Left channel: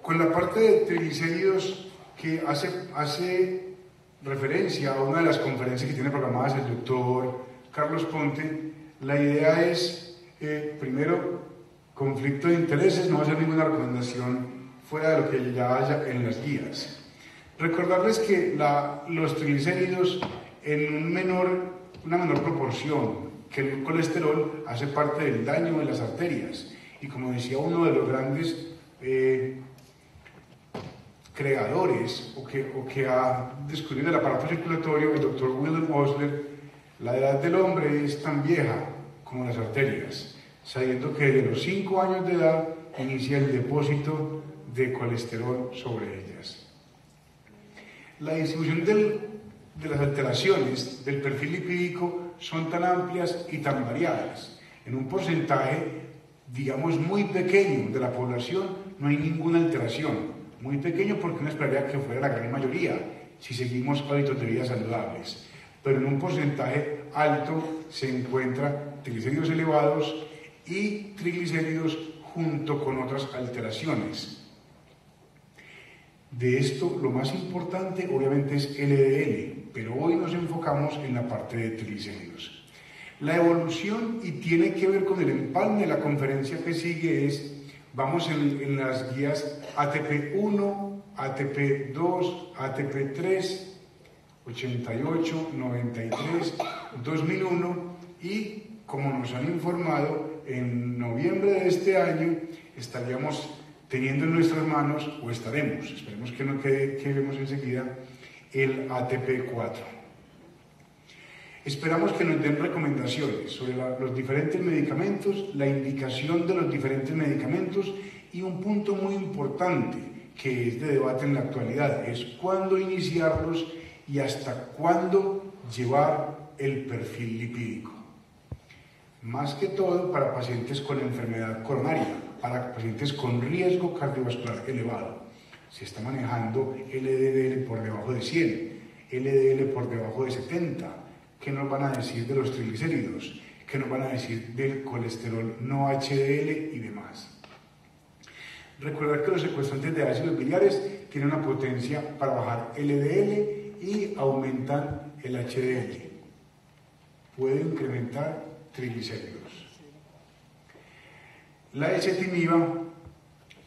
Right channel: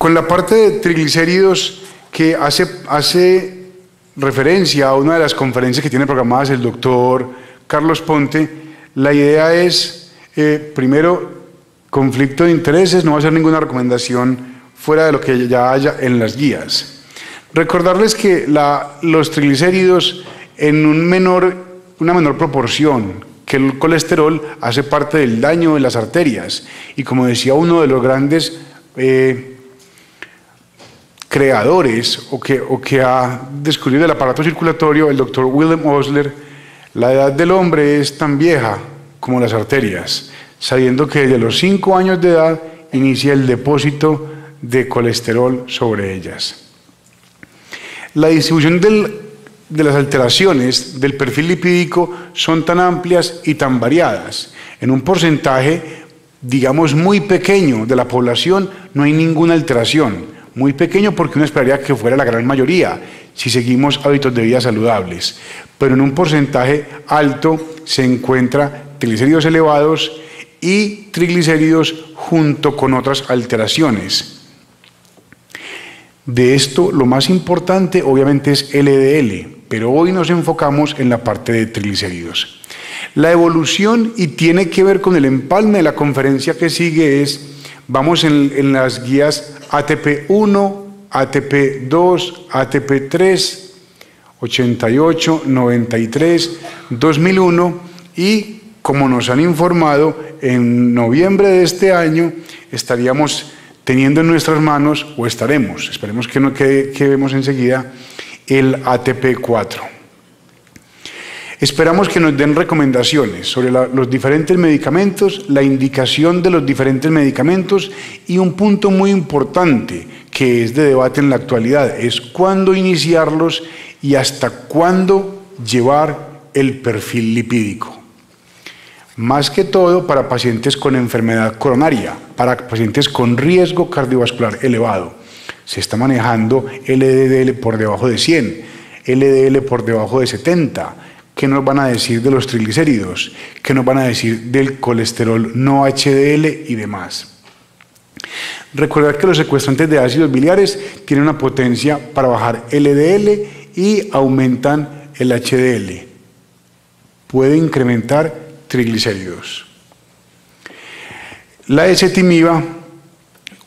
Con la parte de triglicéridos que hace referencia a una de las conferencias que tiene programadas el doctor Carlos Ponte, la idea es, primero, conflicto de intereses, no va a ser ninguna recomendación fuera de lo que ya haya en las guías. Recordarles que los triglicéridos en una menor proporción que el colesterol hace parte del daño de las arterias y, como decía uno de los grandes creadores o que ha descubierto el aparato circulatorio, el doctor Wilhelm Osler, la edad del hombre es tan vieja como las arterias, sabiendo que desde los 5 años de edad inicia el depósito de colesterol sobre ellas. La distribución de las alteraciones del perfil lipídico son tan amplias y tan variadas. En un porcentaje, digamos, muy pequeño de la población no hay ninguna alteración. Muy pequeño porque uno esperaría que fuera la gran mayoría si seguimos hábitos de vida saludables. Pero en un porcentaje alto se encuentra triglicéridos elevados y triglicéridos junto con otras alteraciones. De esto, lo más importante obviamente es LDL, pero hoy nos enfocamos en la parte de triglicéridos. La evolución, y tiene que ver con el empalme de la conferencia que sigue, vamos en las guías ATP1, ATP2, ATP3, 88, 93, 2001 y, como nos han informado, en noviembre de este año estaríamos teniendo en nuestras manos, o esperemos que vemos enseguida, el ATP4. Esperamos que nos den recomendaciones sobre los diferentes medicamentos, la indicación de los diferentes medicamentos y un punto muy importante que es de debate en la actualidad, es cuándo iniciarlos y hasta cuándo llevar el perfil lipídico. Más que todo para pacientes con enfermedad coronaria, para pacientes con riesgo cardiovascular elevado. Se está manejando LDL por debajo de 100, LDL por debajo de 70. ¿Qué nos van a decir de los triglicéridos? ¿Qué nos van a decir del colesterol no HDL y demás? Recordar que los secuestrantes de ácidos biliares tienen una potencia para bajar LDL y aumentan el HDL. Puede incrementar triglicéridos. La ezetimiba,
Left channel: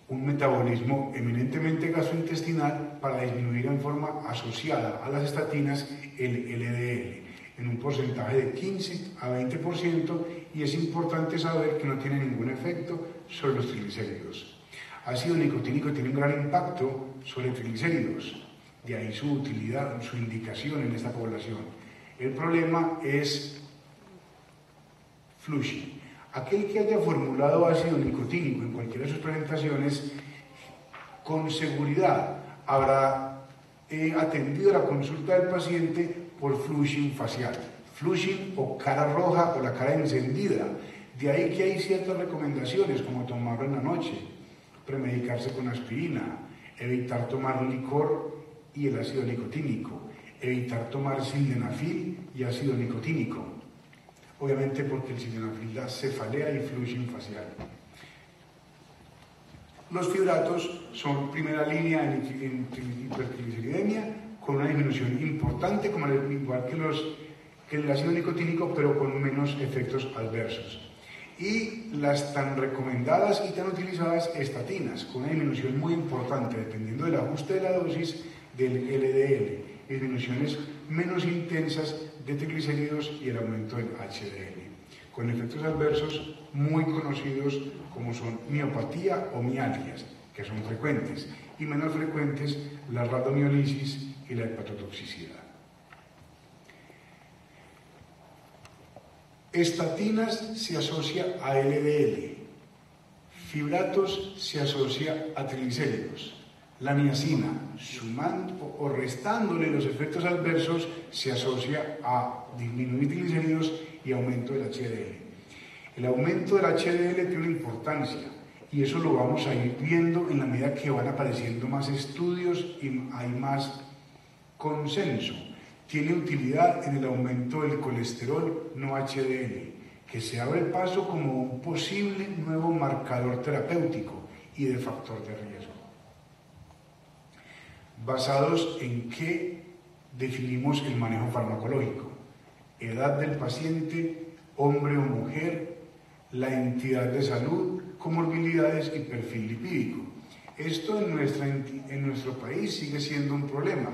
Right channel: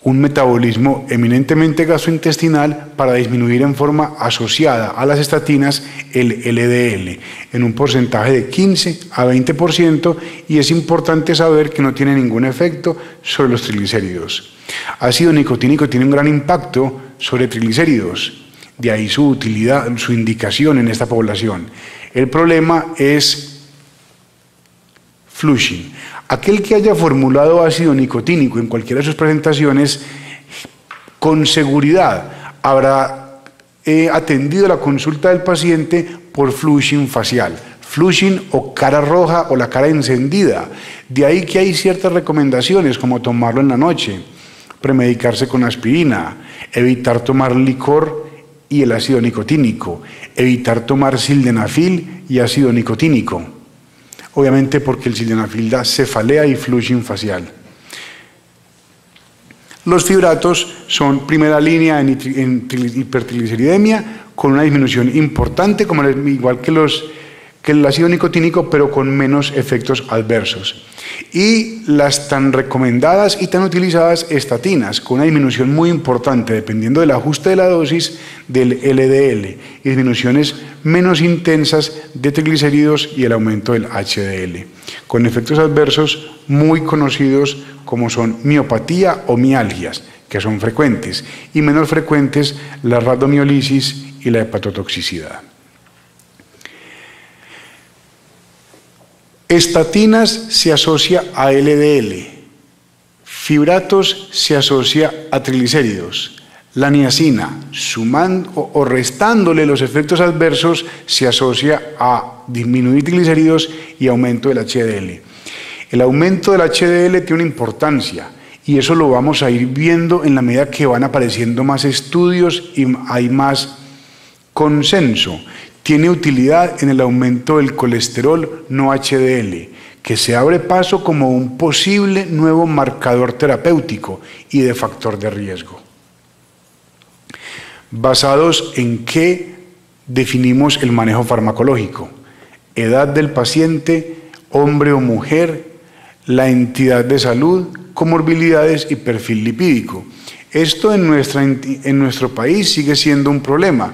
un metabolismo eminentemente gastrointestinal para disminuir en forma asociada a las estatinas el LDL en un porcentaje de 15 a 20%, y es importante saber que no tiene ningún efecto sobre los triglicéridos. Ácido nicotínico tiene un gran impacto sobre triglicéridos, de ahí su utilidad, su indicación en esta población. El problema es Flushing. Aquel que haya formulado ácido nicotínico en cualquiera de sus presentaciones, con seguridad habrá atendido la consulta del paciente por flushing facial, flushing o cara roja o la cara encendida. De ahí que hay ciertas recomendaciones como tomarlo en la noche, premedicarse con aspirina, evitar tomar licor y el ácido nicotínico, evitar tomar sildenafil y ácido nicotínico. Obviamente porque el sildenafil da cefalea y flushing facial. Los fibratos son primera línea en hipertrigliceridemia, con una disminución importante, igual que el ácido nicotínico, pero con menos efectos adversos. Y las tan recomendadas y tan utilizadas estatinas, con una disminución muy importante, dependiendo del ajuste de la dosis del LDL, y disminuciones menos intensas de triglicéridos y el aumento del HDL, con efectos adversos muy conocidos como son miopatía o mialgias, que son frecuentes, y menos frecuentes la rhabdomiolisis y la hepatotoxicidad. Estatinas se asocia a LDL, fibratos se asocia a triglicéridos, la niacina, sumando o restándole los efectos adversos, se asocia a disminuir triglicéridos y aumento del HDL. El aumento del HDL tiene una importancia y eso lo vamos a ir viendo en la medida que van apareciendo más estudios y hay más consenso. Tiene utilidad en el aumento del colesterol no HDL, que se abre paso como un posible nuevo marcador terapéutico y de factor de riesgo. basados en qué definimos el manejo farmacológico: edad del paciente, hombre o mujer, la entidad de salud, comorbilidades y perfil lipídico. Esto en nuestro país sigue siendo un problema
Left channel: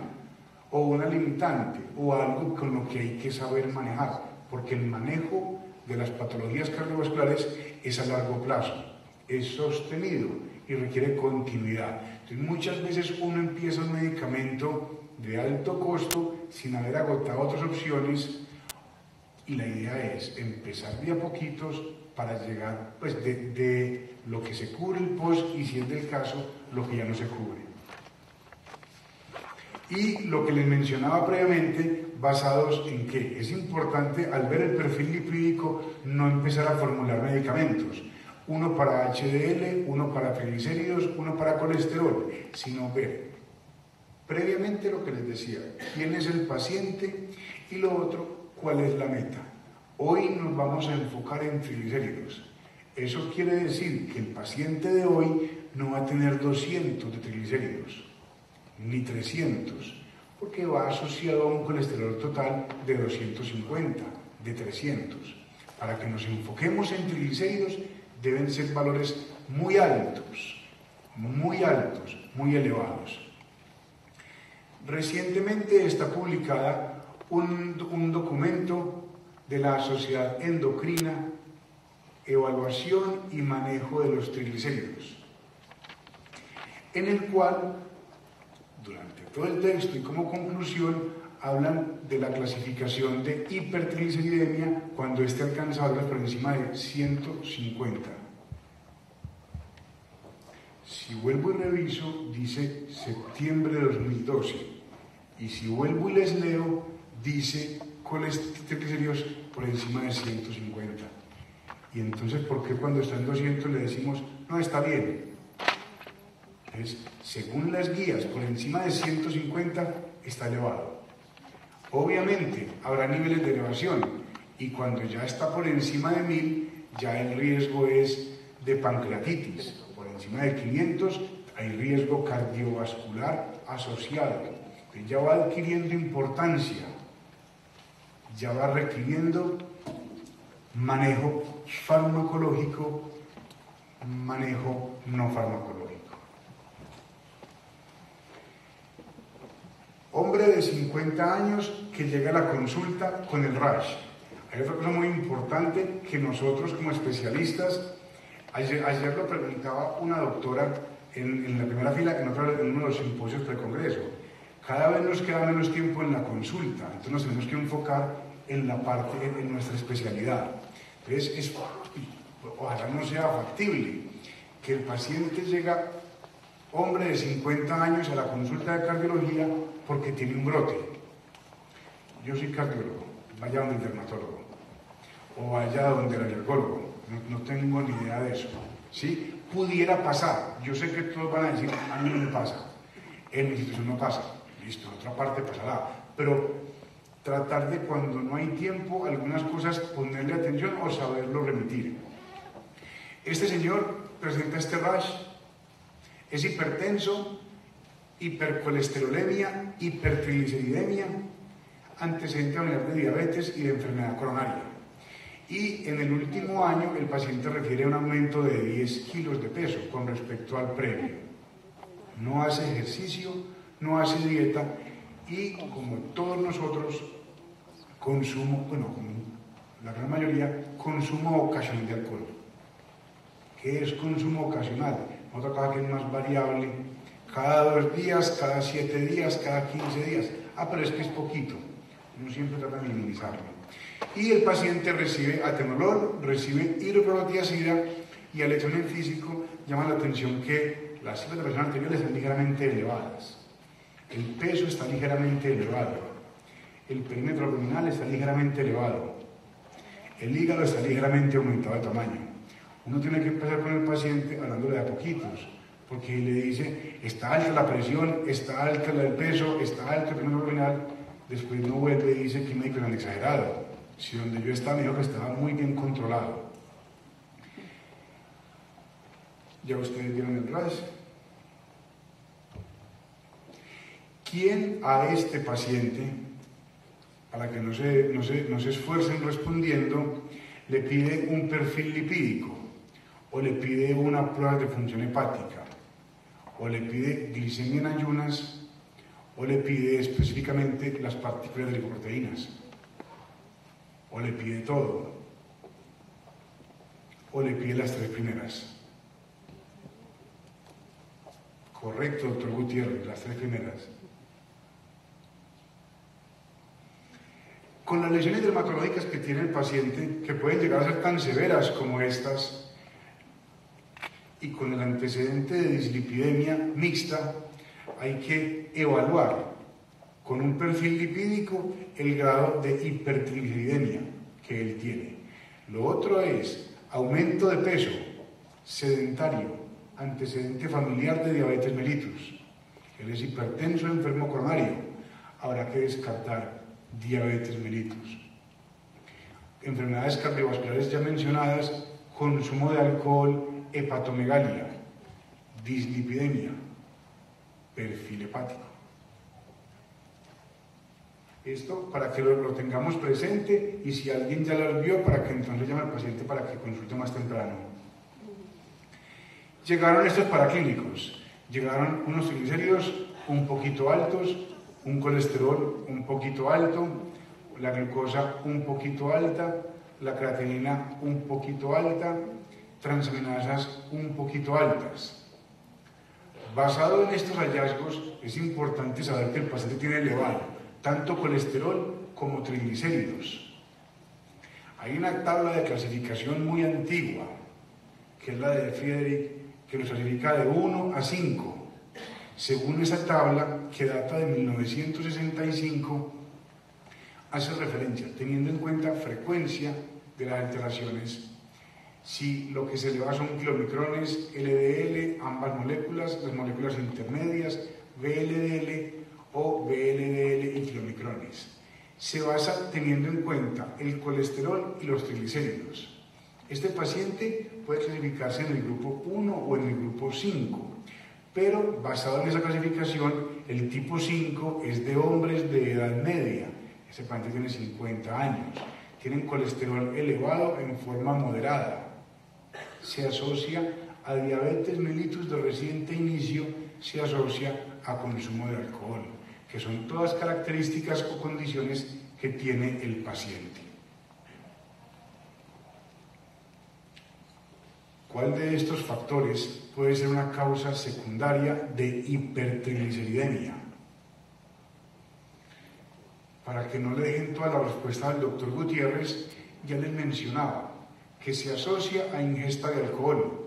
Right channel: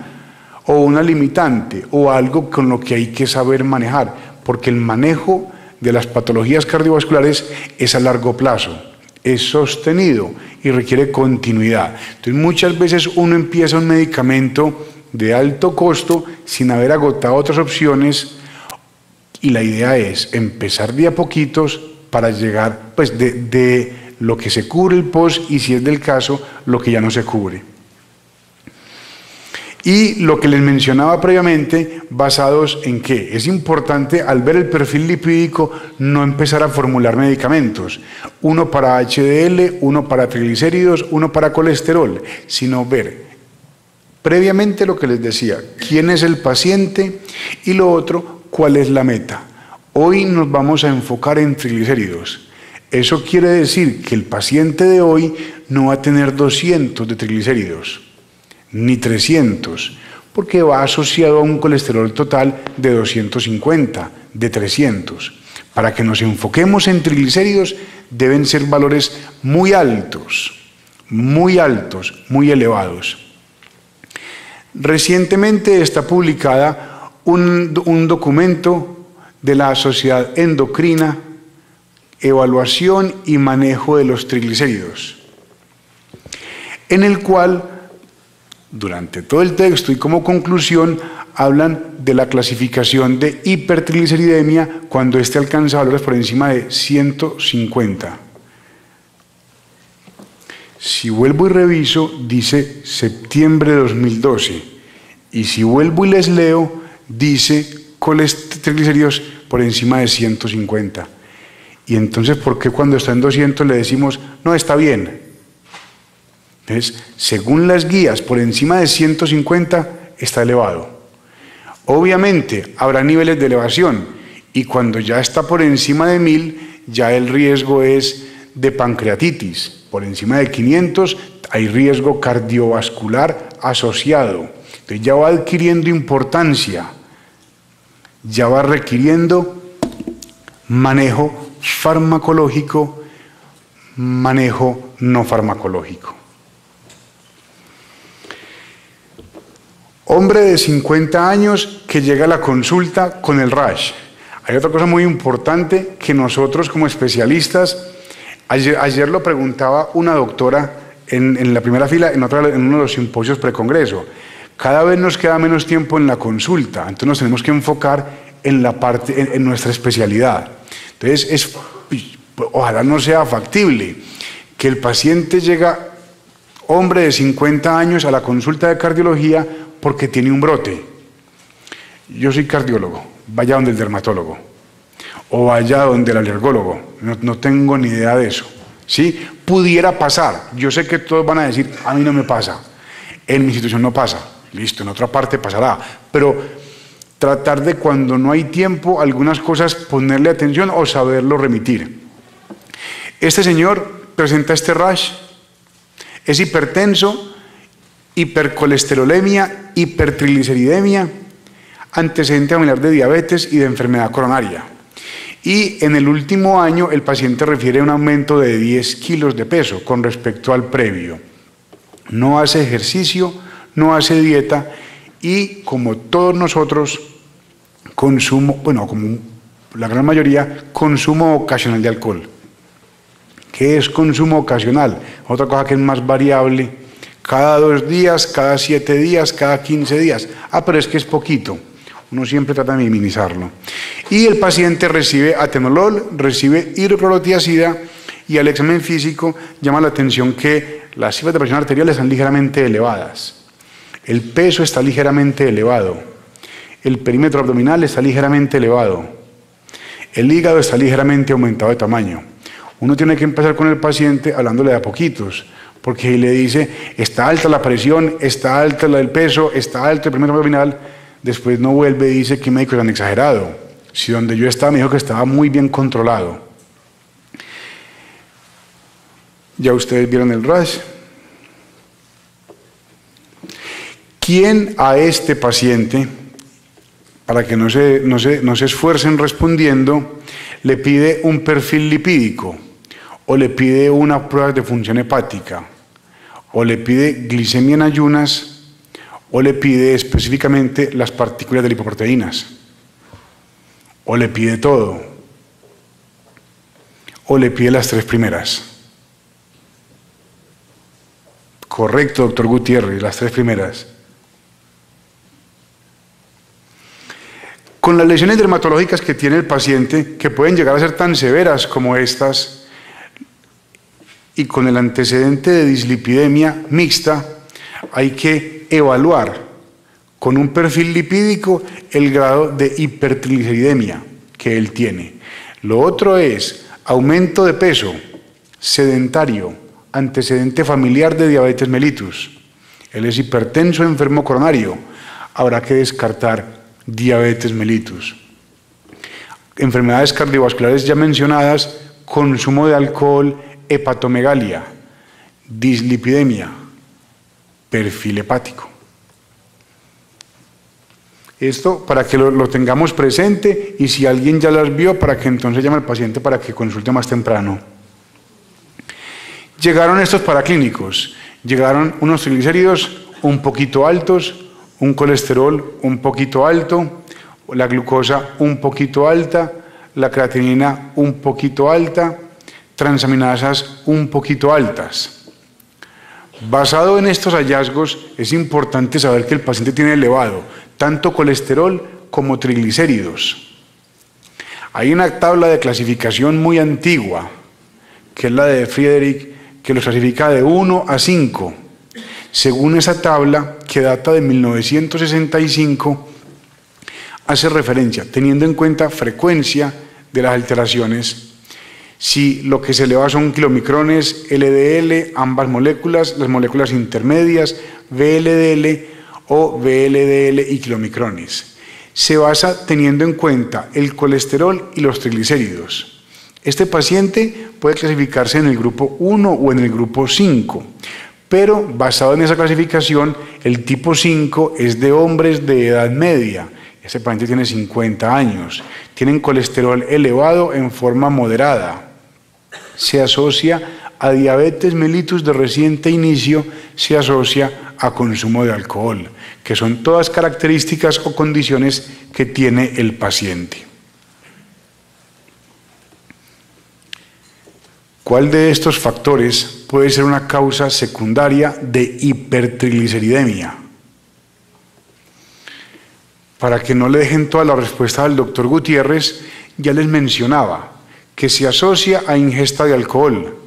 o una limitante o algo con lo que hay que saber manejar, porque el manejo de las patologías cardiovasculares es a largo plazo, es sostenido y requiere continuidad. Entonces muchas veces uno empieza un medicamento de alto costo sin haber agotado otras opciones, y la idea es empezar de a poquitos para llegar pues de lo que se cubre el post, y si es del caso, lo que ya no se cubre. Y lo que les mencionaba previamente, basados en qué. Es importante, al ver el perfil lipídico, no empezar a formular medicamentos, uno para HDL, uno para triglicéridos, uno para colesterol, sino ver previamente lo que les decía, quién es el paciente, y lo otro, cuál es la meta. Hoy nos vamos a enfocar en triglicéridos. Eso quiere decir que el paciente de hoy no va a tener 200 de triglicéridos, ni 300, porque va asociado a un colesterol total de 250, de 300. Para que nos enfoquemos en triglicéridos deben ser valores muy altos, muy elevados. Recientemente está publicada un documento de la Sociedad Endocrina, Evaluación y Manejo de los Triglicéridos, en el cual, durante todo el texto y como conclusión, hablan de la clasificación de hipertrigliceridemia cuando éste alcanza valores por encima de 150. Si vuelvo y reviso, dice septiembre de 2012, y si vuelvo y les leo, dice triglicéridos por encima de 150. Y entonces, ¿por qué cuando está en 200 le decimos, no, está bien? Entonces, según las guías, por encima de 150 está elevado. Obviamente, habrá niveles de elevación, y cuando ya está por encima de 1000, ya el riesgo es de pancreatitis. Por encima de 500 hay riesgo cardiovascular asociado. Entonces ya va adquiriendo importancia, ya va requiriendo manejo farmacológico, manejo no farmacológico. Hombre de 50 años que llega a la consulta con el rash. Hay otra cosa muy importante que nosotros como especialistas, ayer lo preguntaba una doctora en la primera fila, en uno de los simposios precongreso. Cada vez nos queda menos tiempo en la consulta, entonces nos tenemos que enfocar en la parte, en nuestra especialidad. Entonces, ojalá no sea factible que el paciente llega, hombre de 50 años, a la consulta de cardiología porque tiene un brote. Yo soy cardiólogo, vaya donde el dermatólogo, o vaya donde el alergólogo, no tengo ni idea de eso. ¿Sí? Pudiera pasar, yo sé que todos van a decir, a mí no me pasa, en mi institución no pasa, listo, en otra parte pasará, pero tratar de, cuando no hay tiempo, algunas cosas ponerle atención o saberlo remitir. Este señor presenta este rash, es hipertenso, hipercolesterolemia, hipertrigliceridemia, antecedente familiar de diabetes y de enfermedad coronaria. Y en el último año el paciente refiere a un aumento de 10 kilos de peso con respecto al previo. No hace ejercicio, no hace dieta y, como todos nosotros, consumo, bueno, como la gran mayoría, consumo ocasional de alcohol. ¿Qué es consumo ocasional? Otra cosa que es más variable, cada 2 días, cada 7 días, cada 15 días. Ah, pero es que es poquito. Uno siempre trata de minimizarlo. Y el paciente recibe atenolol, recibe hidroclorotiazida, y al examen físico llama la atención que las cifras de presión arterial están ligeramente elevadas. El peso está ligeramente elevado. El perímetro abdominal está ligeramente elevado. El hígado está ligeramente aumentado de tamaño. Uno tiene que empezar con el paciente hablándole de a poquitos, porque le dice, está alta la presión, está alta la del peso, está alto el perímetro abdominal. Después no vuelve y dice que médicos han exagerado. Si donde yo estaba me dijo que estaba muy bien controlado. Ya ustedes vieron el rash. ¿Quién a este paciente, para que no se esfuercen respondiendo, le pide un perfil lipídico, o le pide una prueba de función hepática, o le pide glicemia en ayunas, o le pide específicamente las partículas de lipoproteínas, o le pide todo, o le pide las tres primeras? Correcto, doctor Gutiérrez, las tres primeras. Con las lesiones dermatológicas que tiene el paciente, que pueden llegar a ser tan severas como estas, y con el antecedente de dislipidemia mixta, hay que evaluar con un perfil lipídico el grado de hipertrigliceridemia que él tiene. Lo otro es aumento de peso, sedentario, antecedente familiar de diabetes mellitus. Él es hipertenso, enfermo coronario. Habrá que descartar diabetes mellitus. Enfermedades cardiovasculares ya mencionadas, consumo de alcohol, hepatomegalia, dislipidemia, perfil hepático. Esto para que lo tengamos presente, y si alguien ya las vio, para que entonces llame al paciente para que consulte más temprano. Llegaron estos paraclínicos, llegaron unos triglicéridos un poquito altos, un colesterol un poquito alto, la glucosa un poquito alta, la creatinina un poquito alta, transaminasas un poquito altas. Basado en estos hallazgos, es importante saber que el paciente tiene elevado tanto colesterol como triglicéridos. Hay una tabla de clasificación muy antigua, que es la de Friedrich, que los clasifica de 1 a 5. Según esa tabla, que data de 1965, hace referencia, teniendo en cuenta frecuencia de las alteraciones, si lo que se eleva son kilomicrones, LDL, ambas moléculas, las moléculas intermedias, VLDL o VLDL y kilomicrones. Se basa teniendo en cuenta el colesterol y los triglicéridos. Este paciente puede clasificarse en el grupo 1 o en el grupo 5, pero basado en esa clasificación, el tipo 5 es de hombres de edad media. Este paciente tiene 50 años, tienen colesterol elevado en forma moderada. Se asocia a diabetes mellitus de reciente inicio, se asocia a consumo de alcohol, que son todas características o condiciones que tiene el paciente. ¿Cuál de estos factores puede ser una causa secundaria de hipertrigliceridemia? Para que no le dejen toda la respuesta al doctor Gutiérrez, ya les mencionaba que se asocia a ingesta de alcohol,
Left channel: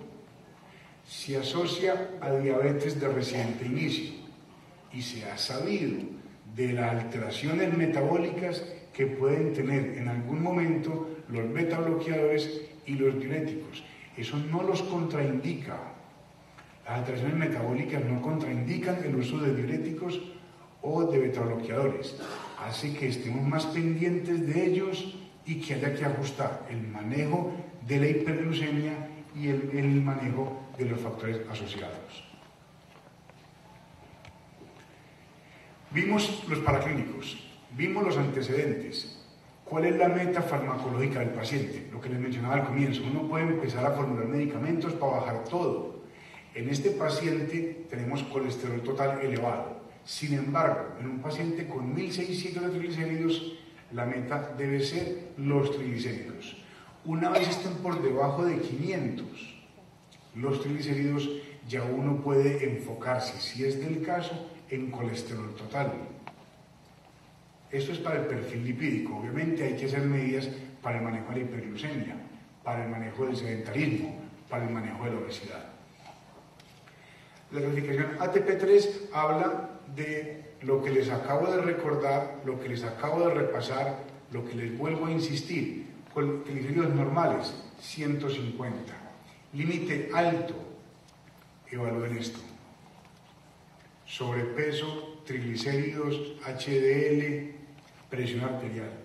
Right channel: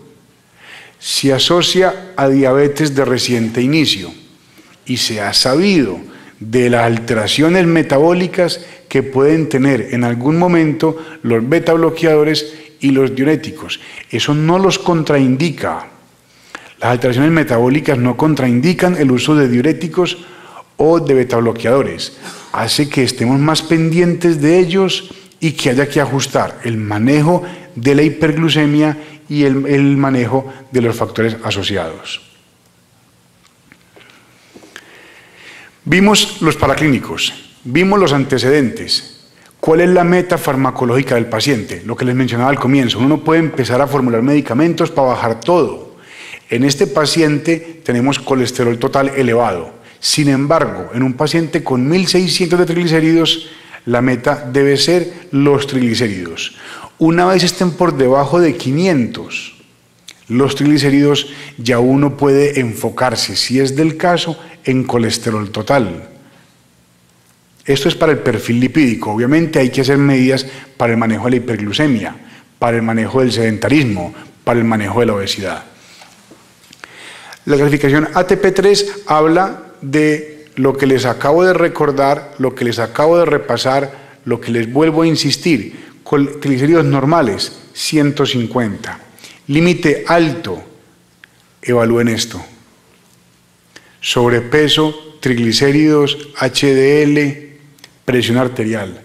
se asocia a diabetes de reciente inicio, y se ha sabido de las alteraciones metabólicas que pueden tener en algún momento los beta bloqueadores y los diuréticos. Eso no los contraindica. Las alteraciones metabólicas no contraindican el uso de diuréticos o de beta bloqueadores. Hace que estemos más pendientes de ellos y que haya que ajustar el manejo de la hiperglucemia y el manejo de los factores asociados. Vimos los paraclínicos, vimos los antecedentes. ¿Cuál es la meta farmacológica del paciente? Lo que les mencionaba al comienzo, uno puede empezar a formular medicamentos para bajar todo. En este paciente tenemos colesterol total elevado. Sin embargo, en un paciente con 1600 de triglicéridos, la meta debe ser los triglicéridos. Una vez estén por debajo de 500, los triglicéridos, ya uno puede enfocarse, si es del caso, en colesterol total. Esto es para el perfil lipídico. Obviamente hay que hacer medidas para el manejo de la hiperglucemia, para el manejo del sedentarismo, para el manejo de la obesidad. La clasificación ATP3 habla de lo que les acabo de recordar, lo que les acabo de repasar, lo que les vuelvo a insistir. Con triglicéridos normales, 150. Límite alto, evalúen esto. Sobrepeso, triglicéridos, HDL, presión arterial.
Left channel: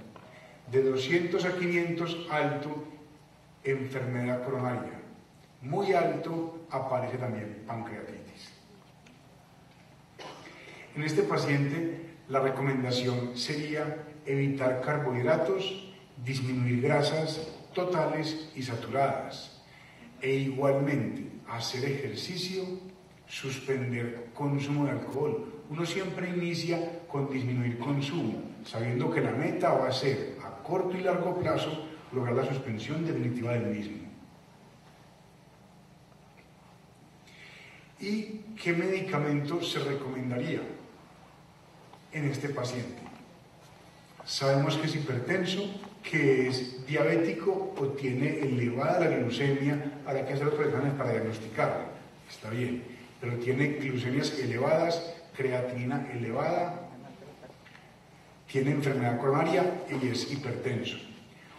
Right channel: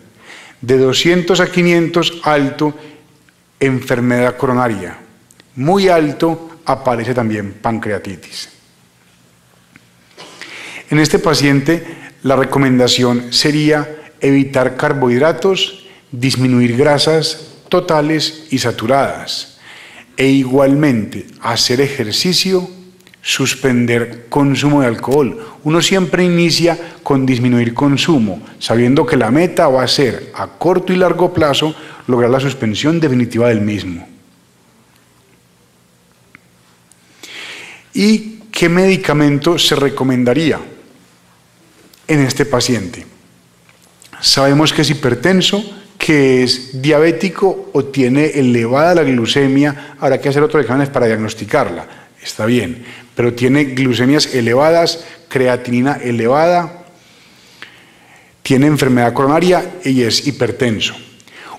De 200 a 500, alto, enfermedad coronaria. Muy alto, aparece también pancreatitis. En este paciente, la recomendación sería evitar carbohidratos, disminuir grasas totales y saturadas, e igualmente hacer ejercicio, suspender consumo de alcohol. Uno siempre inicia con disminuir consumo, sabiendo que la meta va a ser a corto y largo plazo lograr la suspensión definitiva del mismo. ¿Y qué medicamento se recomendaría en este paciente? Sabemos que es hipertenso, que es diabético o tiene elevada la glucemia. Habrá que hacer otros exámenes para diagnosticarla, está bien, pero tiene glucemias elevadas, creatinina elevada, tiene enfermedad coronaria y es hipertenso.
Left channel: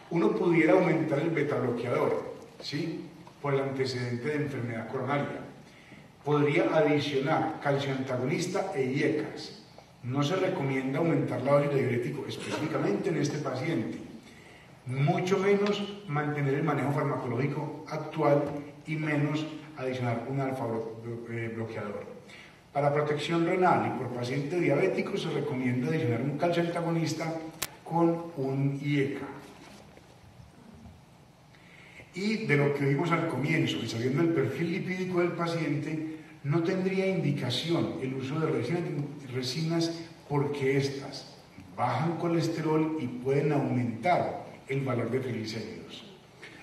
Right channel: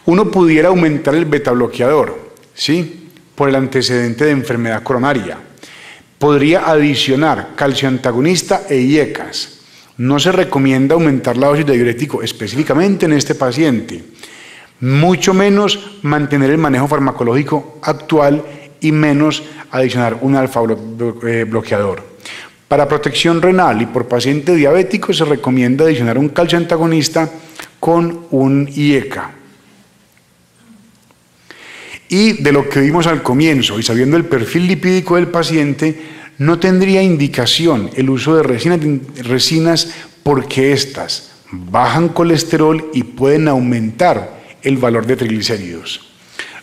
Uno pudiera aumentar el beta bloqueador, ¿sí?, por el antecedente de enfermedad coronaria. Podría adicionar calcio antagonista e IECAS. No se recomienda aumentar la dosis de diurético específicamente en este paciente, mucho menos mantener el manejo farmacológico actual y menos adicionar un alfa bloqueador. Para protección renal y por paciente diabético se recomienda adicionar un calcio antagonista con un IECA. Y de lo que vimos al comienzo y sabiendo el perfil lipídico del paciente, no tendría indicación el uso de resinas porque éstas bajan colesterol y pueden aumentar el valor de triglicéridos.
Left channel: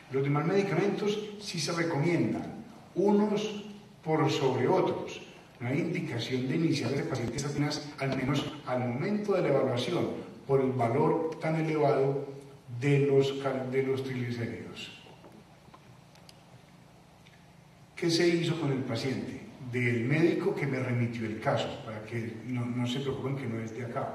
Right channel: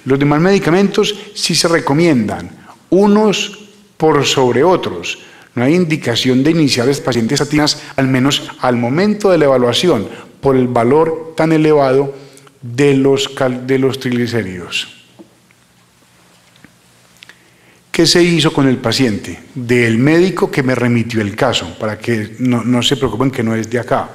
Los demás medicamentos sí se recomiendan, unos por sobre otros. No hay indicación de iniciar los pacientes estatinas, al menos al momento de la evaluación, por el valor tan elevado de los triglicéridos. ¿Qué se hizo con el paciente? Del médico que me remitió el caso, para que no se preocupen que no es de acá.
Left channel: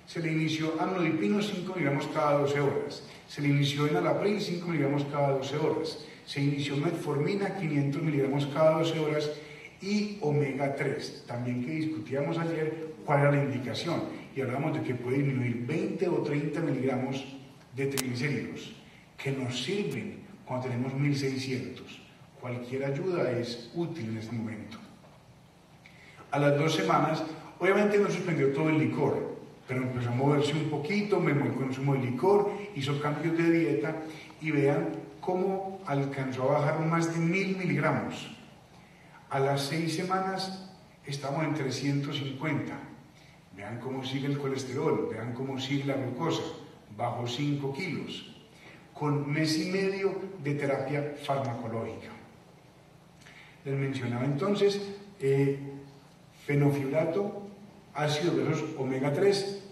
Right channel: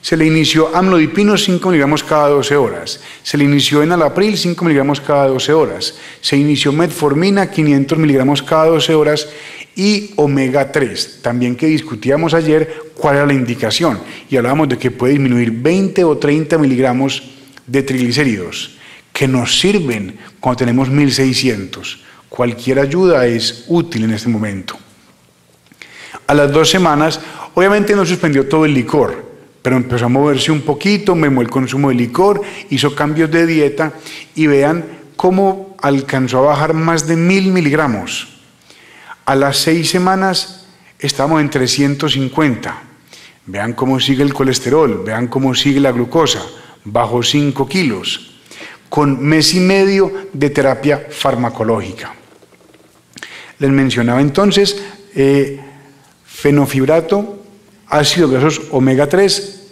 Se le inició amlodipino 5 miligramos cada 12 horas. Se le inició enalapril 5 miligramos cada 12 horas. Se inició metformina 500 miligramos cada 12 horas y omega 3. También que discutíamos ayer cuál era la indicación y hablábamos de que puede disminuir 20 o 30 miligramos de triglicéridos, que nos sirven cuando tenemos 1600. Cualquier ayuda es útil en este momento. A las 2 semanas, obviamente no suspendió todo el licor, pero empezó a moverse un poquito, mermó el consumo de licor, hizo cambios de dieta y vean cómo alcanzó a bajar más de 1000 miligramos. A las 6 semanas estamos en 350. Vean cómo sigue el colesterol, vean cómo sigue la glucosa, bajó 5 kilos, con mes y medio de terapia farmacológica. Les mencionaba entonces fenofibrato, ácidos grasos omega 3,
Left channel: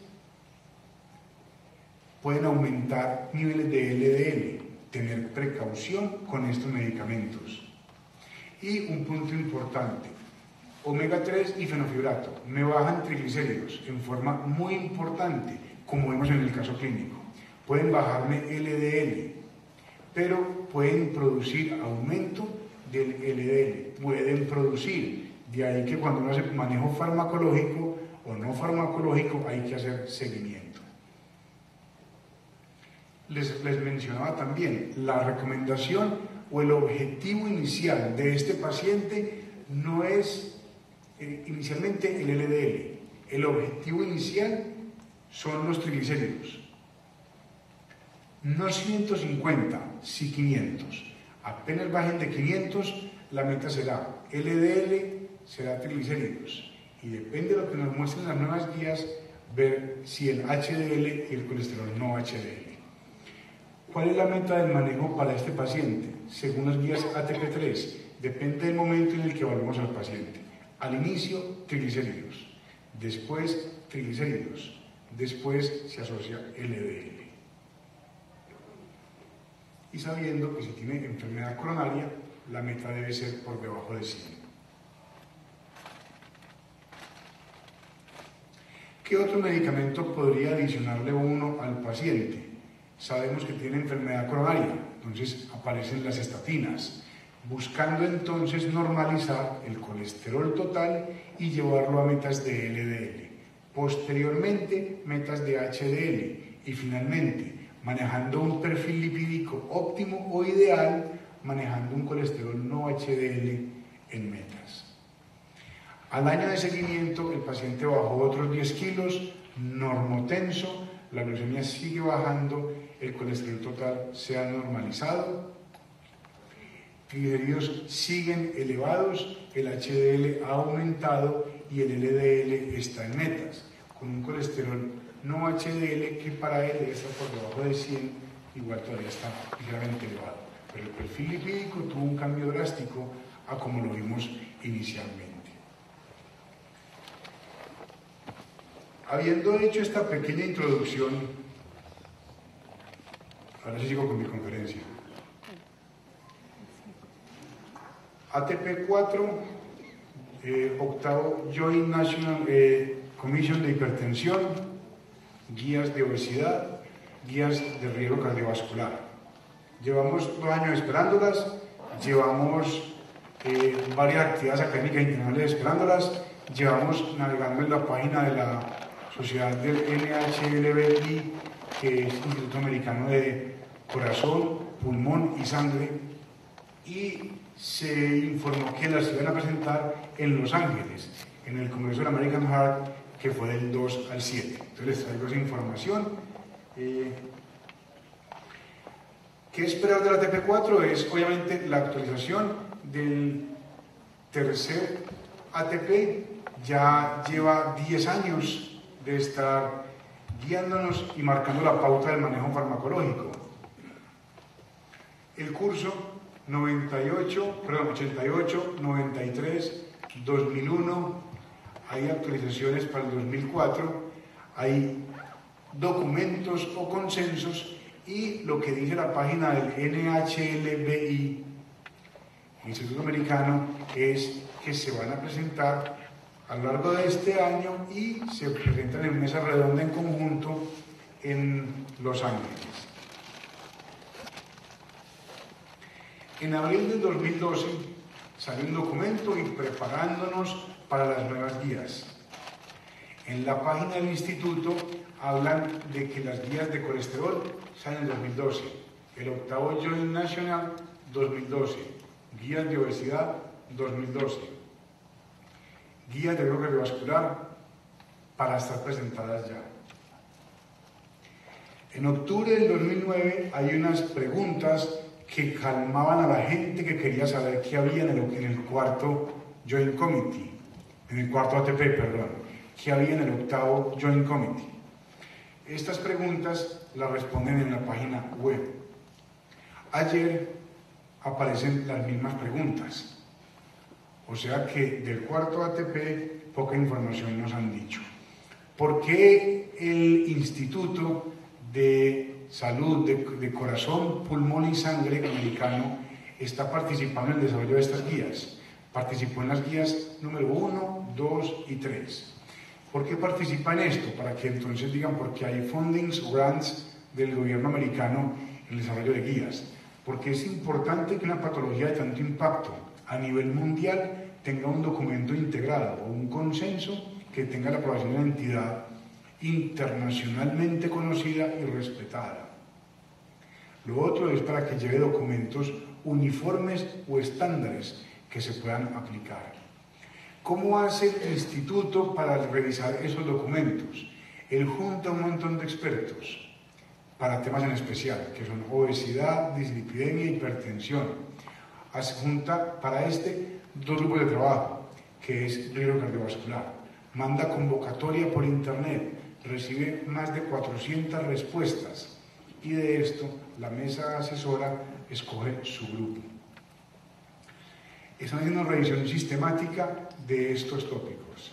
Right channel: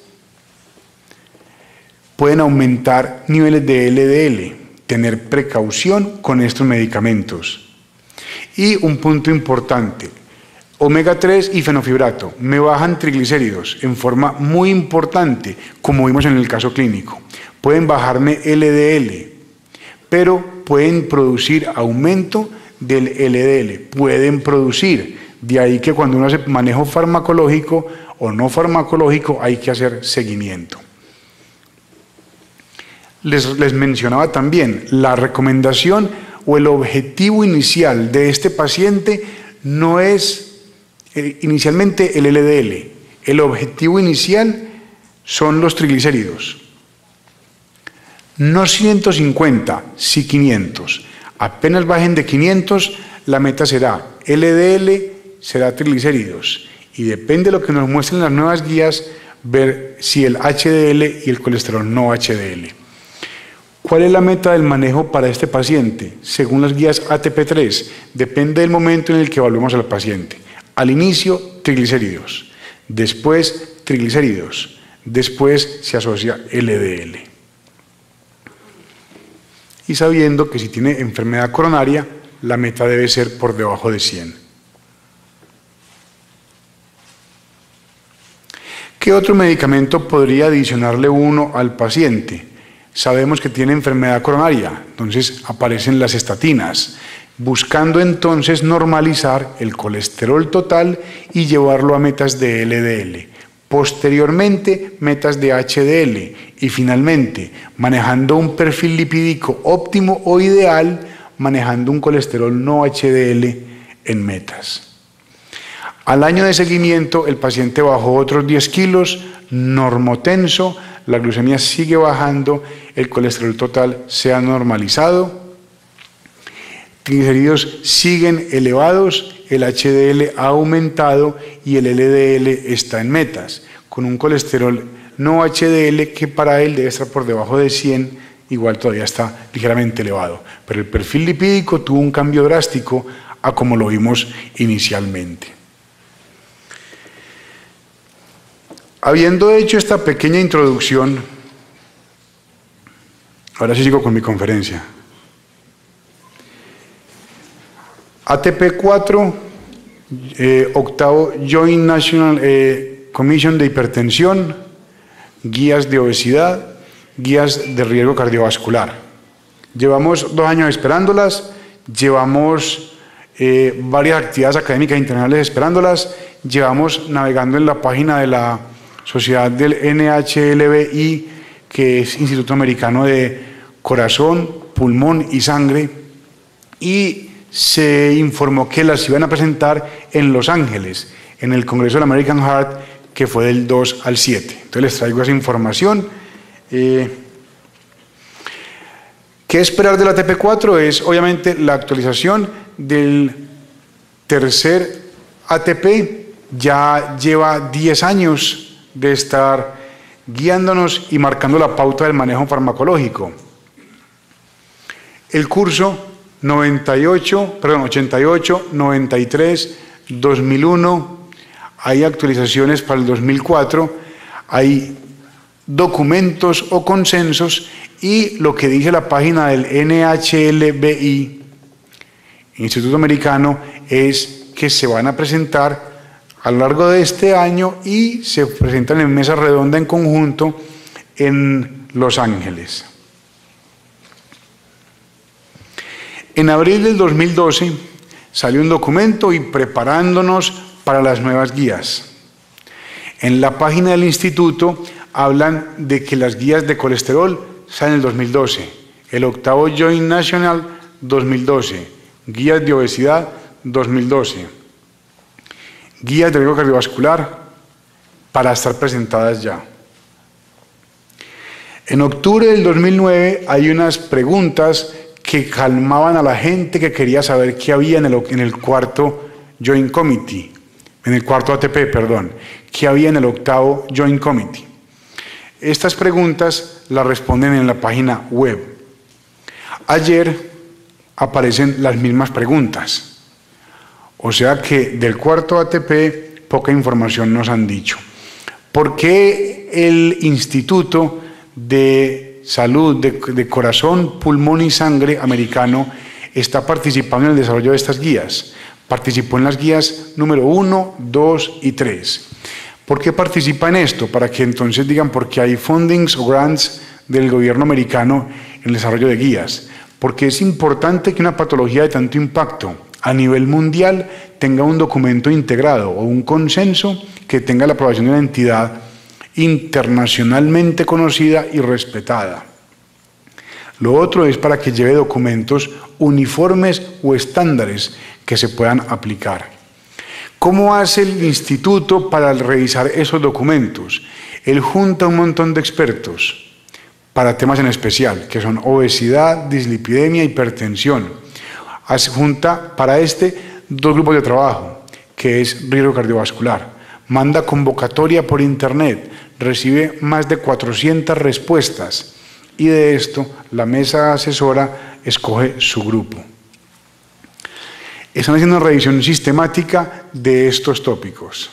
pueden aumentar niveles de LDL, tener precaución con estos medicamentos. Y un punto importante, omega 3 y fenofibrato me bajan triglicéridos en forma muy importante, como vimos en el caso clínico. Pueden bajarme LDL, pero pueden producir aumento del LDL, pueden producir. De ahí que cuando uno hace manejo farmacológico o no farmacológico hay que hacer seguimiento. Les mencionaba también, la recomendación o el objetivo inicial de este paciente no es inicialmente el LDL, el objetivo inicial son los triglicéridos. No 150, sí 500. Apenas bajen de 500, la meta será LDL, será triglicéridos. Y depende de lo que nos muestren las nuevas guías, ver si el HDL y el colesterol no HDL. ¿Cuál es la meta del manejo para este paciente? Según las guías ATP3, depende del momento en el que evaluemos al paciente. Al inicio, triglicéridos. Después, triglicéridos. Después se asocia LDL. Y sabiendo que si tiene enfermedad coronaria, la meta debe ser por debajo de 100. ¿Qué otro medicamento podría adicionarle uno al paciente? Sabemos que tiene enfermedad coronaria, entonces aparecen las estatinas, buscando entonces normalizar el colesterol total y llevarlo a metas de LDL. Posteriormente, metas de HDL y finalmente, manejando un perfil lipídico óptimo o ideal, manejando un colesterol no HDL en metas. Al año de seguimiento, el paciente bajó otros 10 kilos, normotenso, la glucemia sigue bajando, el colesterol total se ha normalizado, triglicéridos siguen elevados, el HDL ha aumentado y el LDL está en metas, con un colesterol no HDL que para él debe estar por debajo de 100, igual todavía está ligeramente elevado, pero el perfil lipídico tuvo un cambio drástico a como lo vimos inicialmente. Habiendo hecho esta pequeña introducción, ahora sí sigo con mi conferencia. ATP4, octavo Joint National Commission de Hipertensión, guías de obesidad, guías de riesgo cardiovascular. Llevamos 2 años esperándolas, llevamos varias actividades académicas internacionales esperándolas, llevamos navegando en la página de la Sociedad del NHLBI, que es Instituto Americano de Corazón, Pulmón y Sangre, y se informó que las iban a presentar en Los Ángeles, en el Congreso del American Heart, que fue del 2 al 7. Entonces les traigo esa información. ¿Qué esperar del ATP4? Es obviamente la actualización del tercer ATP, ya lleva 10 años de estar guiándonos y marcando la pauta del manejo farmacológico. El curso 88, 93, 2001, hay actualizaciones para el 2004, hay documentos o consensos y lo que dice la página del NHLBI, Instituto Americano, es que se van a presentar a lo largo de este año y se presentan en mesa redonda en conjunto en Los Ángeles. En abril del 2012 salió un documento y preparándonos para las nuevas guías. En la página del instituto hablan de que las guías de colesterol salen en el 2012, el octavo Joint National 2012, guías de obesidad 2012. Guías de riesgo cardiovascular para estar presentadas ya. En octubre del 2009 hay unas preguntas que calmaban a la gente que quería saber qué había en el cuarto Joint Committee, en el cuarto ATP, perdón, qué había en el octavo Joint Committee. Estas preguntas las responden en la página web. Ayer aparecen las mismas preguntas. O sea que del cuarto ATP poca información nos han dicho. ¿Por qué el Instituto de Salud de Corazón, Pulmón y Sangre americano está participando en el desarrollo de estas guías? Participó en las guías número 1, 2 y 3. ¿Por qué participa en esto? Para que entonces digan por qué hay fundings o grants del gobierno americano en el desarrollo de guías. Porque es importante que una patología de tanto impacto a nivel mundial tenga un documento integrado o un consenso que tenga la aprobación de una entidad internacionalmente conocida y respetada. Lo otro es para que lleve documentos uniformes o estándares que se puedan aplicar. ¿Cómo hace el instituto para revisar esos documentos? Él junta un montón de expertos para temas en especial, que son obesidad, dislipidemia, hipertensión. Junta para 2 grupos de trabajo, que es riesgo cardiovascular. Manda convocatoria por internet, recibe más de 400 respuestas y de esto la mesa asesora escoge su grupo. Están haciendo una revisión sistemática de estos tópicos.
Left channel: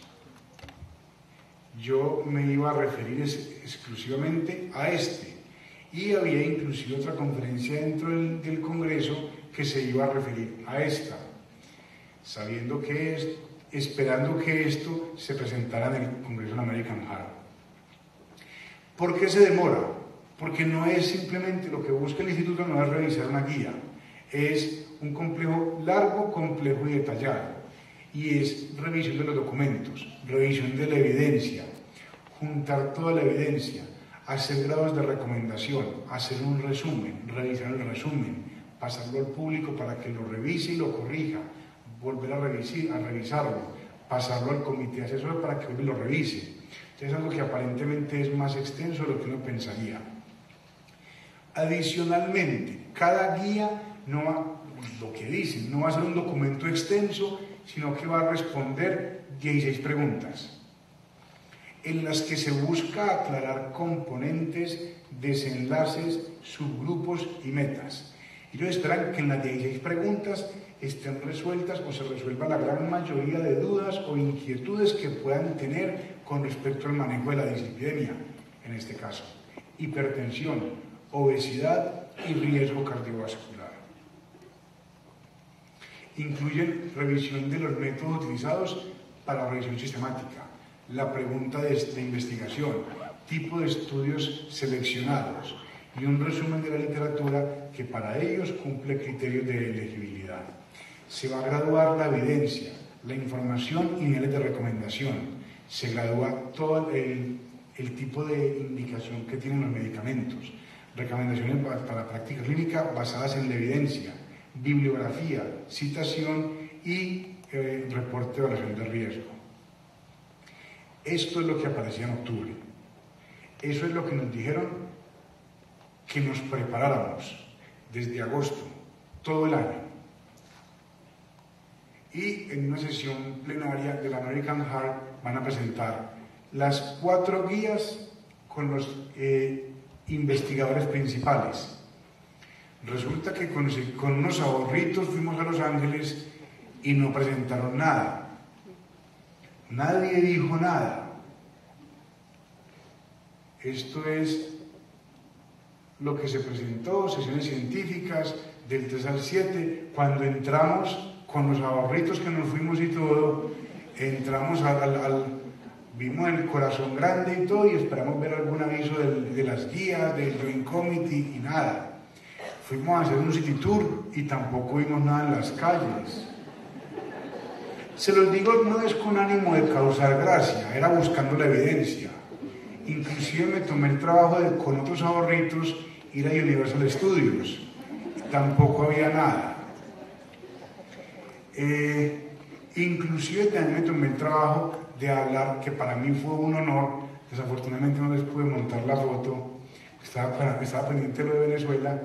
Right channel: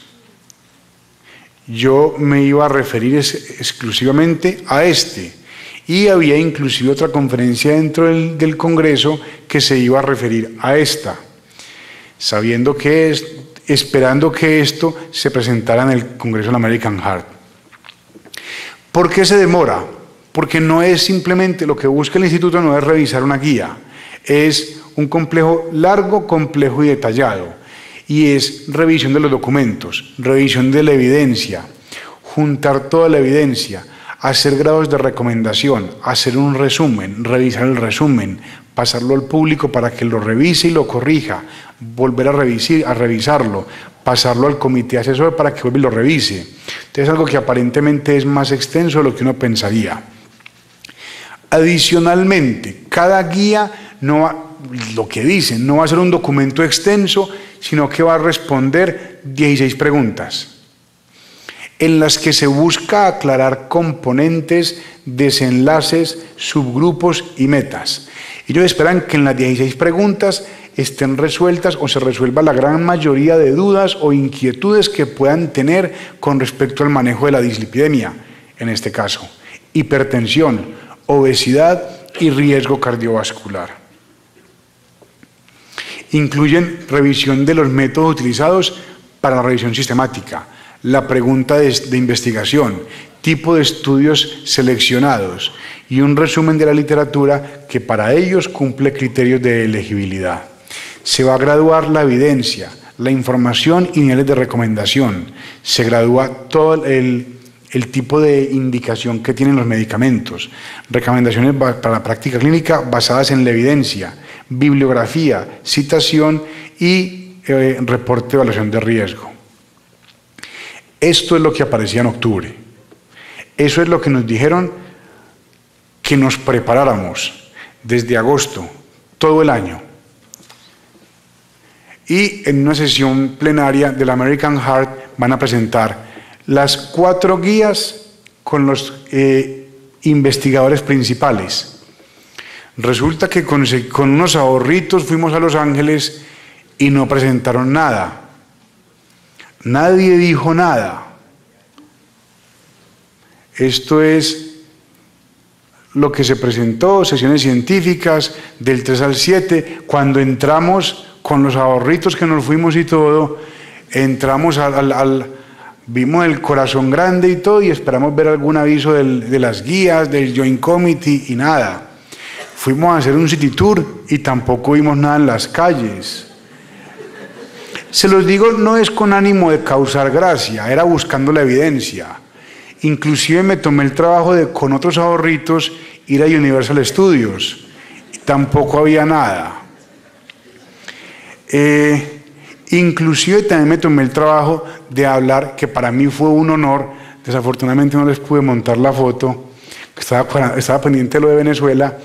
Yo me iba a referir exclusivamente a y había inclusive otra conferencia dentro del Congreso que se iba a referir a esta, esperando que esto se presentara en el Congreso del American Heart. ¿Por qué se demora? Porque no es simplemente, lo que busca el instituto no es revisar una guía, es un complejo largo, complejo y detallado, y es revisión de los documentos, revisión de la evidencia, juntar toda la evidencia, hacer grados de recomendación, hacer un resumen, revisar el resumen, pasarlo al público para que lo revise y lo corrija, volver a revisarlo, pasarlo al comité asesor para que vuelva y lo revise. Entonces es algo que aparentemente es más extenso de lo que uno pensaría. Adicionalmente, cada guía no va, lo que dicen, no va a ser un documento extenso, sino que va a responder 16 preguntas, en las que se busca aclarar componentes, desenlaces, subgrupos y metas. Ellos esperan que en las 16 preguntas estén resueltas o se resuelva la gran mayoría de dudas o inquietudes que puedan tener con respecto al manejo de la dislipidemia, en este caso, hipertensión, obesidad y riesgo cardiovascular. Incluyen revisión de los métodos utilizados para la revisión sistemática, la pregunta de investigación, tipo de estudios seleccionados y un resumen de la literatura que para ellos cumple criterios de elegibilidad. Se va a graduar la evidencia, la información y niveles de recomendación. Se gradúa todo el tipo de indicación que tienen los medicamentos. Recomendaciones para la práctica clínica basadas en la evidencia, bibliografía, citación y reporte de evaluación de riesgo. Esto es lo que aparecía en octubre. Eso es lo que nos dijeron que nos preparáramos desde agosto, todo el año. Y en una sesión plenaria del American Heart van a presentar las 4 guías con los investigadores principales. Resulta que con unos ahorritos fuimos a Los Ángeles y no presentaron nada. Nadie dijo nada. Esto es lo que se presentó, sesiones científicas del 3 al 7, cuando entramos con los ahorritos que nos fuimos y todo, entramos vimos el corazón grande y todo y esperamos ver algún aviso de las guías, del Joint Committee y nada. Fuimos a hacer un city tour y tampoco vimos nada en las calles. Se los digo, no es con ánimo de causar gracia, era buscando la evidencia. Inclusive me tomé el trabajo de, con otros ahorritos, ir a Universal Studios. Tampoco había nada. Inclusive también me tomé el trabajo de hablar, que para mí fue un honor, desafortunadamente no les pude montar la foto, estaba pendiente de lo de Venezuela.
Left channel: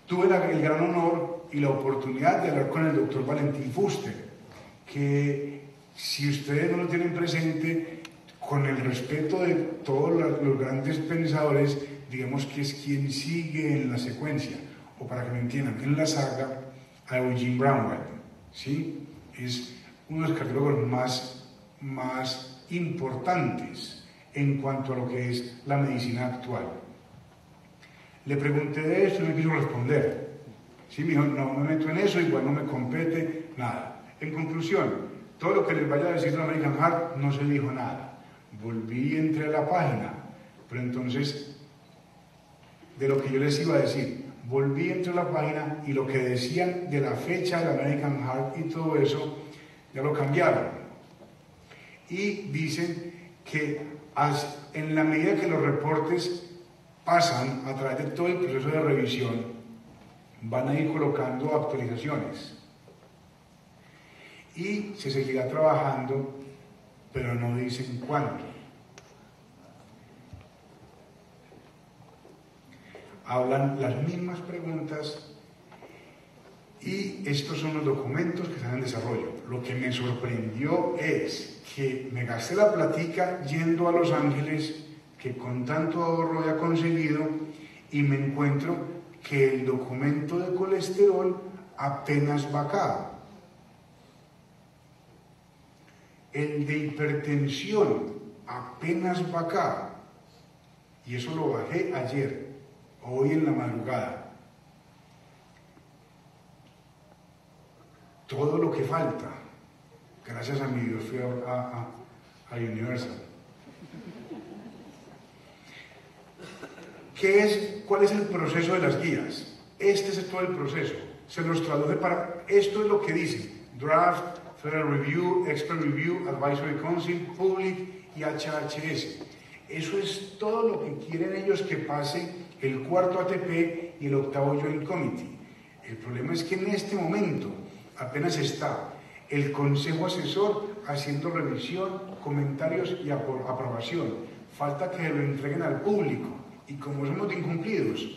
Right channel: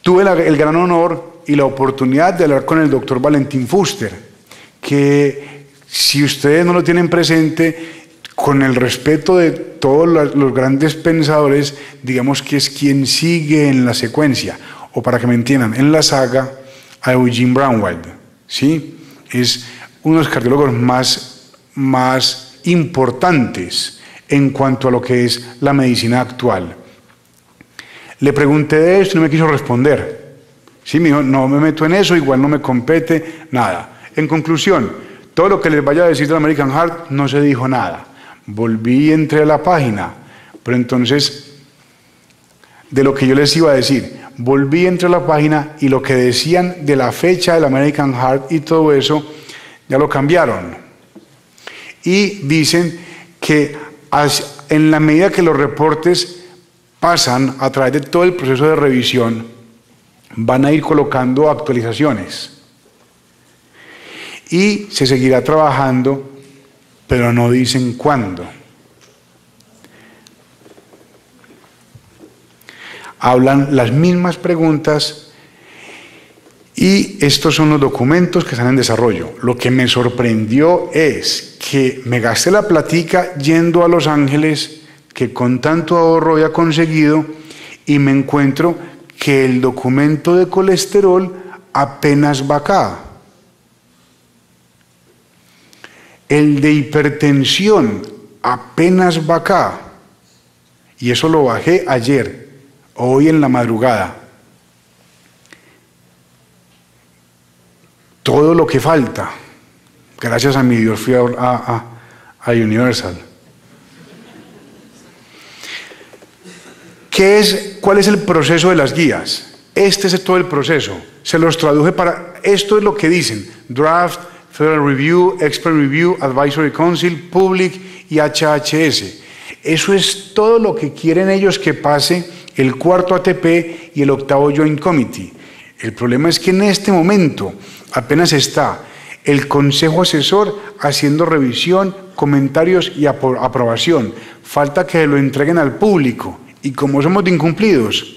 Tuve el gran honor y la oportunidad de hablar con el doctor Valentín Fuster, que si ustedes no lo tienen presente, con el respeto de todos los grandes pensadores, digamos que es quien sigue en la secuencia, o para que me entiendan, en la saga a Eugene Braunwald, ¿sí? Es uno de los cardiólogos más importantes en cuanto a lo que es la medicina actual. Le pregunté de esto y no me quiso responder. Sí, me dijo, no me meto en eso, igual no me compete, nada. En conclusión, todo lo que les vaya a decir del American Heart no se dijo nada. Volví y entré a la página, pero entonces, de lo que yo les iba a decir, volví, entré a la página y lo que decían de la fecha del American Heart y todo eso, ya lo cambiaron. Y dicen que en la medida que los reportes pasan a través de todo el proceso de revisión, van a ir colocando actualizaciones. Y se seguirá trabajando, pero no dicen cuándo. Hablan las mismas preguntas y estos son los documentos que están en desarrollo. Lo que me sorprendió es que me gasté la platica yendo a Los Ángeles, que con tanto ahorro había conseguido, y me encuentro que el documento de colesterol apenas va acá. El de hipertensión apenas va acá. Y eso lo bajé ayer, hoy en la madrugada. Todo lo que falta, gracias a mi Dios fui a Universal. ¿Cuál es el proceso de las guías? Este es todo el proceso. Se los traduje para... Esto es lo que dicen. Draft, Federal Review, Expert Review, Advisory Council, Public y HHS. Eso es todo lo que quieren ellos que pase el 4º ATP y el 8º Joint Committee. El problema es que en este momento apenas está el Consejo Asesor haciendo revisión, comentarios y aprobación. Falta que lo entreguen al público y como somos de incumplidos.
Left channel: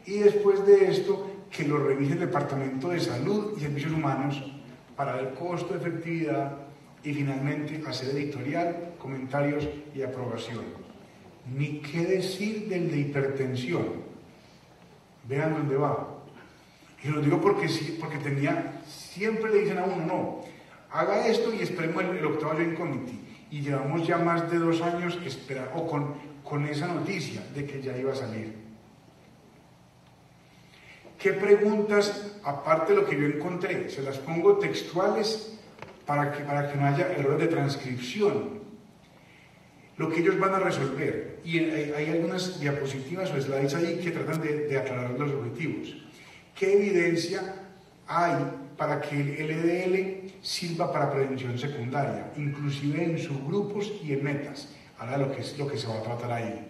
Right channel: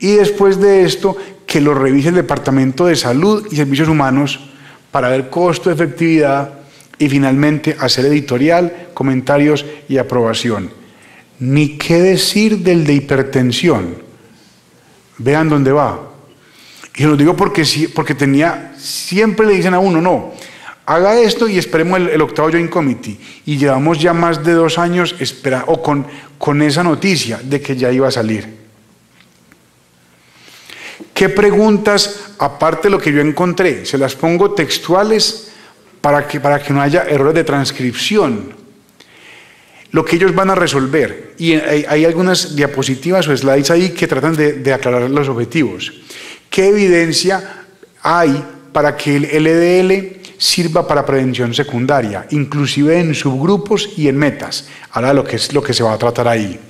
Y después de esto, que lo revise el Departamento de Salud y Servicios Humanos para ver costo, efectividad y finalmente hacer editorial, comentarios y aprobación. Ni qué decir del de hipertensión. Vean dónde va. Y lo digo porque siempre le dicen a uno, no, haga esto y esperemos el octavo Joint Committee. Y llevamos ya más de 2 años con esa noticia de que ya iba a salir. ¿Qué preguntas, aparte de lo que yo encontré? Se las pongo textuales para que no haya errores de transcripción. Lo que ellos van a resolver. Y hay algunas diapositivas o slides ahí que tratan de aclarar los objetivos. ¿Qué evidencia hay para que el LDL sirva para prevención secundaria, inclusive en subgrupos y en metas? Ahora lo que se va a tratar ahí.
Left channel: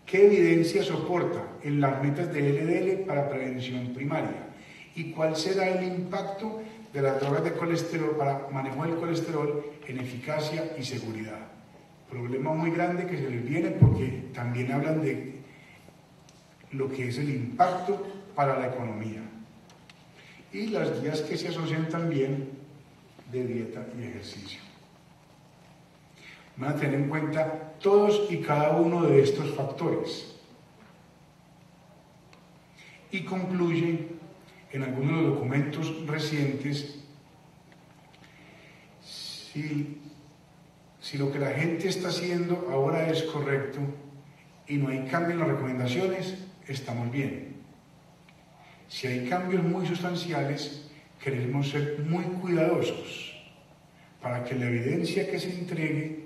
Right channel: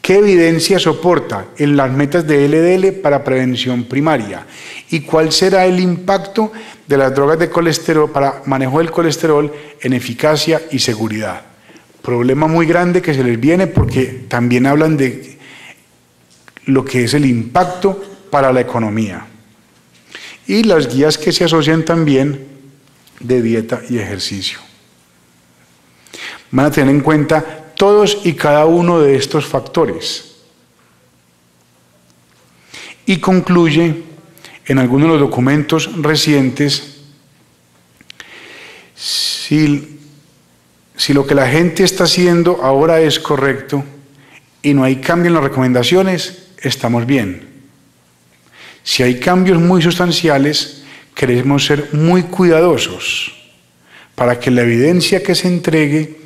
¿Qué evidencia soporta en las metas de LDL para prevención primaria? ¿Y cuál será el impacto de las drogas de colesterol para manejo del colesterol en eficacia y seguridad? Problema muy grande que se les viene porque también hablan de lo que es el impacto para la economía. Y las guías que se asocian también de dieta y ejercicio. Van a tener en cuenta todos y cada uno de estos factores. Y concluye en algunos de los documentos recientes, si lo que la gente está haciendo ahora es correcto y no hay cambio en las recomendaciones, estamos bien. Si hay cambios muy sustanciales, queremos ser muy cuidadosos para que la evidencia que se entregue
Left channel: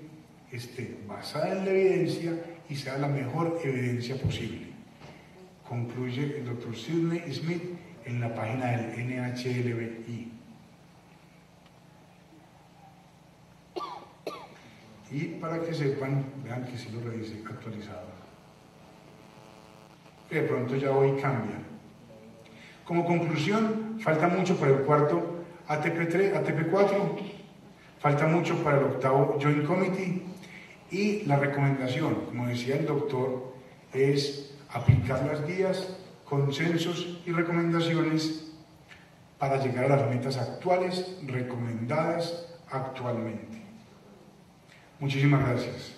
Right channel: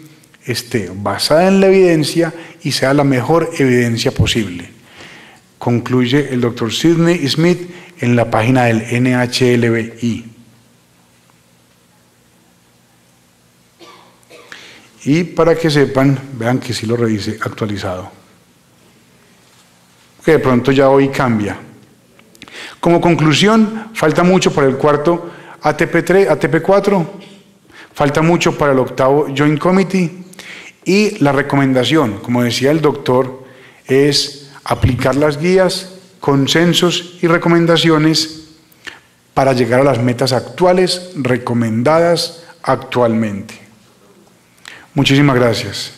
esté basada en la evidencia y sea la mejor evidencia posible. Concluye el Dr. Sidney Smith en la página del NHLBI. Y para que sepan, vean que sí lo revisé actualizado. Que de pronto ya hoy cambia. Como conclusión, falta mucho para el cuarto ATP4, falta mucho para el octavo Joint Committee y la recomendación, como decía el doctor, es aplicar las guías, consensos y recomendaciones para llegar a las metas actuales recomendadas actualmente. Muchísimas gracias.